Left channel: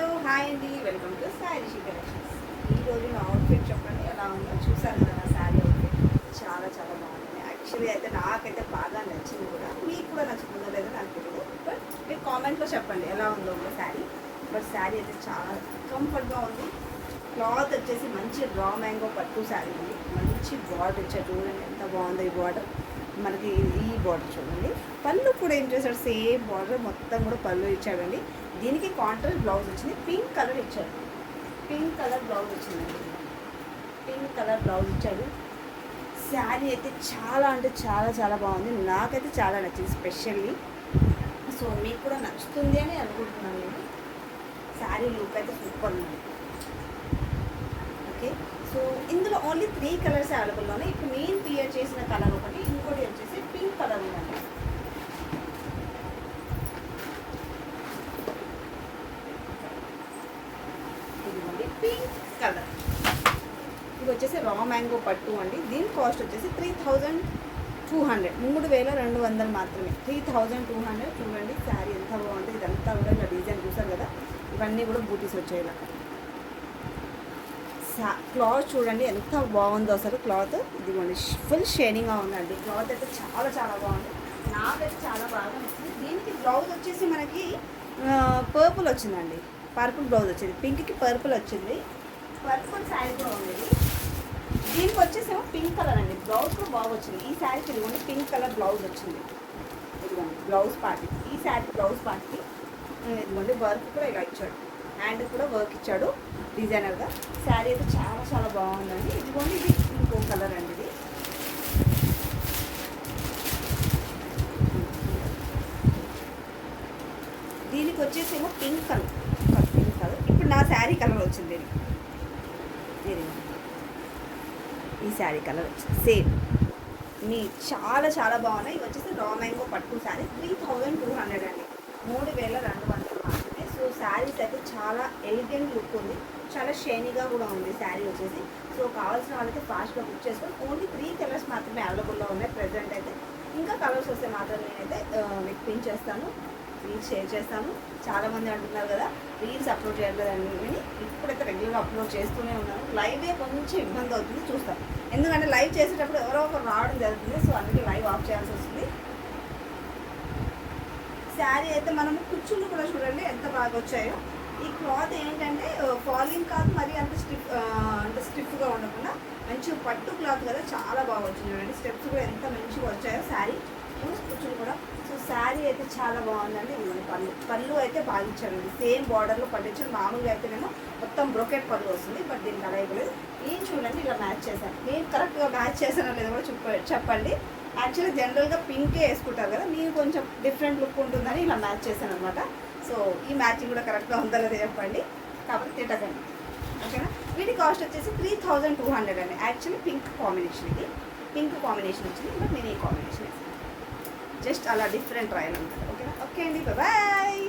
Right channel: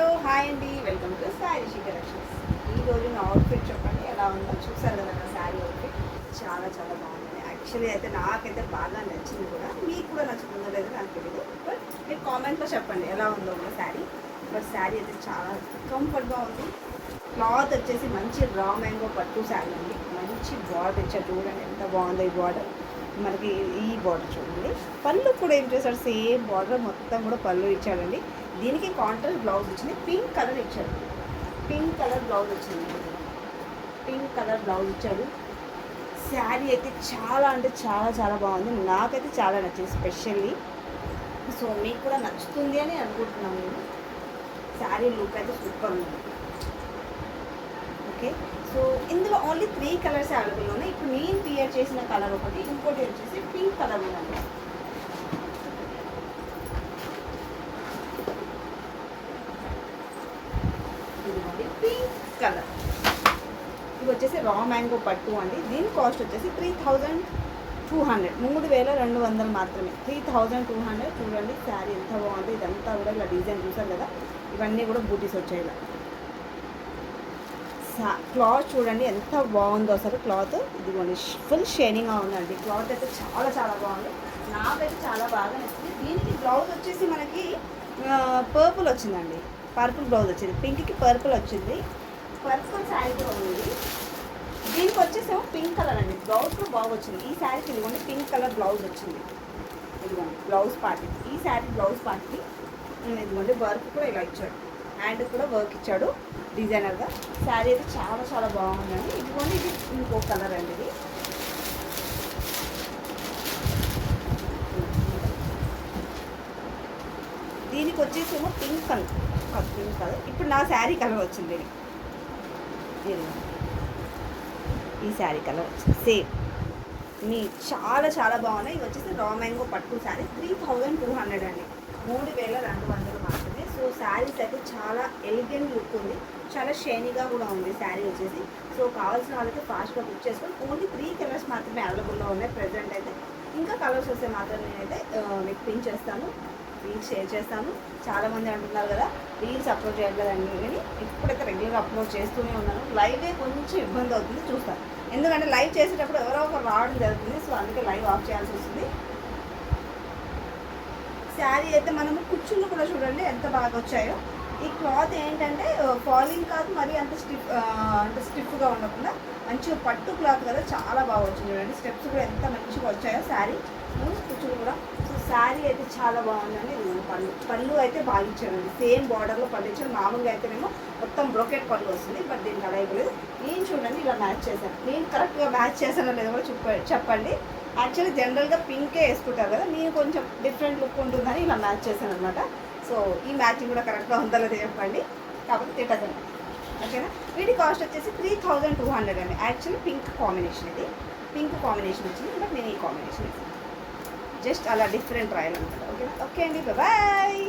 Hello hi అండి. Welcome to sari collections. ఈ రోజు నా అవుట్ఫిట్ చెప్పండి ఎలా ఉందో చూసారు కదా నా శారీ అవుట్ఫిట్ చాలా చాలా బాగుందండి. యాక్చువల్లీ అయితే నాకైతే బాగా నచ్చింది కూడా. మీకు కూడా నచ్చుతుందో లేదో నాకు తెలియదు బట్ మీరు కామెంట్లో చెప్పండి ఎలా ఉందో కూడా శారీ. బట్ శారీ అయితే చాలా కంఫర్ట్గా ఉంది. క్లాత్ వచ్చేసి మంచి రా మ్యాంగో పట్టు శారీ అండి. మంచి బార్డర్ ఇచ్చారు. చూడండి ఎంత బాగుందో ఈ బార్డర్ మనకి ఈ బార్డర్ చూడండి. పళ్ళు కూడా ఏం చేశాడు సేమ్ బార్డర్ మొత్తం కూడా పళ్ళు ఇచ్చాడండి దీనికి కాంట్రాస్ట్ బ్లౌజ్ వచ్చింది. పింక్ కలర్ ఇచ్చాడు పింక్ కలర్ బ్లౌజ్ వచ్చింది. పింక్ కలర్ బ్లౌజ్ ఇచ్చాడు శారీ అయితే చాలా అంటే చాలా చాలా బాగుంది. నాకైతే చాలా నచ్చింది స్పెషల్లీ. సో మీకు కూడా నచ్చుతుంది అని అనుకుంటున్నాను నేను. శారీ లుక్ అయితే సూపర్ ఉంది. ఓకే సో ఇందులో ఓన్లీ త్రీ కలర్స్ అవైలబుల్ ఉన్నాయి. ఇప్పుడు నేను క్లియర్ చేసిన కలర్ ఒకటి ఇంకోటి వచ్చేసి పింక్ కలర్ ఉందండి ఇదిగోండి పింక్ కలర్ ఇది వచ్చేసి రా మ్యాంగో పట్టు అండి. దీని కాస్ట్ వచ్చేసి త్రీ థౌజండ్ టూ హండ్రెడ్ మూడు వేల రెండు వందలు మాత్రమే. త్రీ థౌజండ్ టూ హండ్రెడ్ చూడండి శారీ ఎంత బాగుంది ఇదంతా కూడా ఇలా డిజైన్ చూసారు కదా? ఇవన్నీ కూడా బూటీస్ వచ్చాయి ఇలా. క్లాత్ చూడండి ఎంత బాగుందో అసలు క్లాత్ ఇదిగోండి ఫుల్ షైనింగ్గా ఉందండి. క్లాత్ అయితే చాలా చాలా బాగుంది. నాకైతే చాలా బాగా నచ్చింది. దీనికి బ్లౌజ్ వచ్చేసి మనకి పర్పుల్ వచ్చిందండి. పర్పుల్ బ్లౌజ్ వచ్చింది. పింక్కి పర్పుల్ వచ్చింది. పర్పుల్ శారీ కూడా ఉంది. పింక్ కలర్ అండి. బ్లౌజ్ కూడా బాగా వచ్చింది ఈ శారీకి ఇదిగోండి పింక్ కలర్ బ్లౌజ్ వచ్చింది. ఇదిగోండి బ్లౌజ్ పార్టీ. ఈ శారీ బ్లౌజ్ పార్టీ ఇదిగోండి వర్క్ కూడా ఇలా ఇచ్చాడు. హ్యాండ్ కూడా వర్క్ ఇచ్చాడు డిజైనర్గా. శారీ అయితే చాలా చాలా బాగుందండి. ఇదిగోండి ఇది ఇంకో కలర్ అండి ఇది. దీనికి వచ్చేసేమో పింక్ కలర్. Pink colour. ఇప్పుడు నా శారీ కలర్ వచ్చింది. ఇది. ఈ శారీ కలర్ వచ్చేసి సేమ్. మీ చాలా చాలా బాగున్నాయి. ఇది వచ్చేసి రా మ్యాంగో పట్టు sari. Three thousand two hundred అండి. మూడు వేల రెండు వందలు మాత్రమే. సో శారీస్ అయితే చాలా ఎలిగెంట్ లుక్ ఉంది. చాలా షైనీగా కూడా ఉంది శారీ వచ్చేసి. సో కావాల్సిన వాళ్ళకి ఫాస్ట్గా బుక్ చేసుకొని ఓన్లీ త్రీ కలర్స్ మాత్రమే అవైలబుల్లో ఉన్నాయి ప్రజెంట్ అయితే. ఇంకా కలర్స్ వస్తే మాత్రం నేనైతే మీకు పిన్ చేస్తాను. రీల్స్ షేర్ చేస్తాను. చాలా మంది అంటున్నారు కదా రీల్స్ అప్లోడ్ చేయాలి నేను ఇప్పుడైతే రెగ్యులర్ అప్లోడ్ చేస్తూనే ఉన్నాను. లైవే కొంచెం ఇబ్బంది అవుతుంది చూస్తాను. ఎందుకంటే లైవ్ చేసేటప్పుడు ఎవరో ఒకరు రావడం జరుగుతుంది. సో అందుకే లైవ్ ఆఫ్ చేయాల్సి వస్తుంది. శారీ అయితే మనము కుచ్చులు కూడా చూడండి ఎంత బాగా వచ్చాయో. ఈ క్లాత్ ఏంటంటే ఫాలింగ్ కాదు మరి అంత స్టిఫ్ అంటే స్టిఫ్గా ఉండకుండా మంచిగా పట్టు క్లాత్ కదా చాలా బాగా వచ్చింది చూడండి. స్టెప్స్ కూడా ఎంత మంచిగా వచ్చాయో శారీ కుచ్చులు కూడా. సో శారీ అయితే చాలా బాగుందండి. ఇది పళ్ళు. పళ్ళు అయితే బాగా ఇచ్చారండి. సేమ్ బార్డర్లో పళ్ళు ఇచ్చారు. మామూలుగా అయితేనేమో మొత్తం బ్రొకెట్ పళ్ళు వస్తుంది. బట్ దీనికి అలా లేదు. నేను చూడండి ఇలా మ్యాచ్ చేశాను నేను కరెక్ట్గా మ్యాచ్ చేశానో లేదో కూడా చెప్పండి. యాక్చువల్లీ జనరల్గా పింకే వేసుకుంటారు కదా నేను కొంచెం డిఫరెంట్ లుక్ ఉంటుందని ఇలా మ్యాచ్ చేశాను అనమాట సో ఈ మ్యాచింగ్ కూడా కరెక్ట్గా ఉందో లేదో చెప్పండి. కాబట్టి తిట్టదండి ఓకేనా? వీటి కాస్ట్ వచ్చేసి త్రీ థౌజండ్ టూ హండ్రెడ్ అండి. యాక్చువల్లీ పింక్ కాంబినేషన్ ఇది. పింక్ కాంబినేషన్ వచ్చింది. బట్ నేను ఈ కాంబినేషన్ జస్ట్ అలా డిఫరెంట్ రాయాలన్నమాట. ఓకేనా? ఓకే అండి. బాయ్.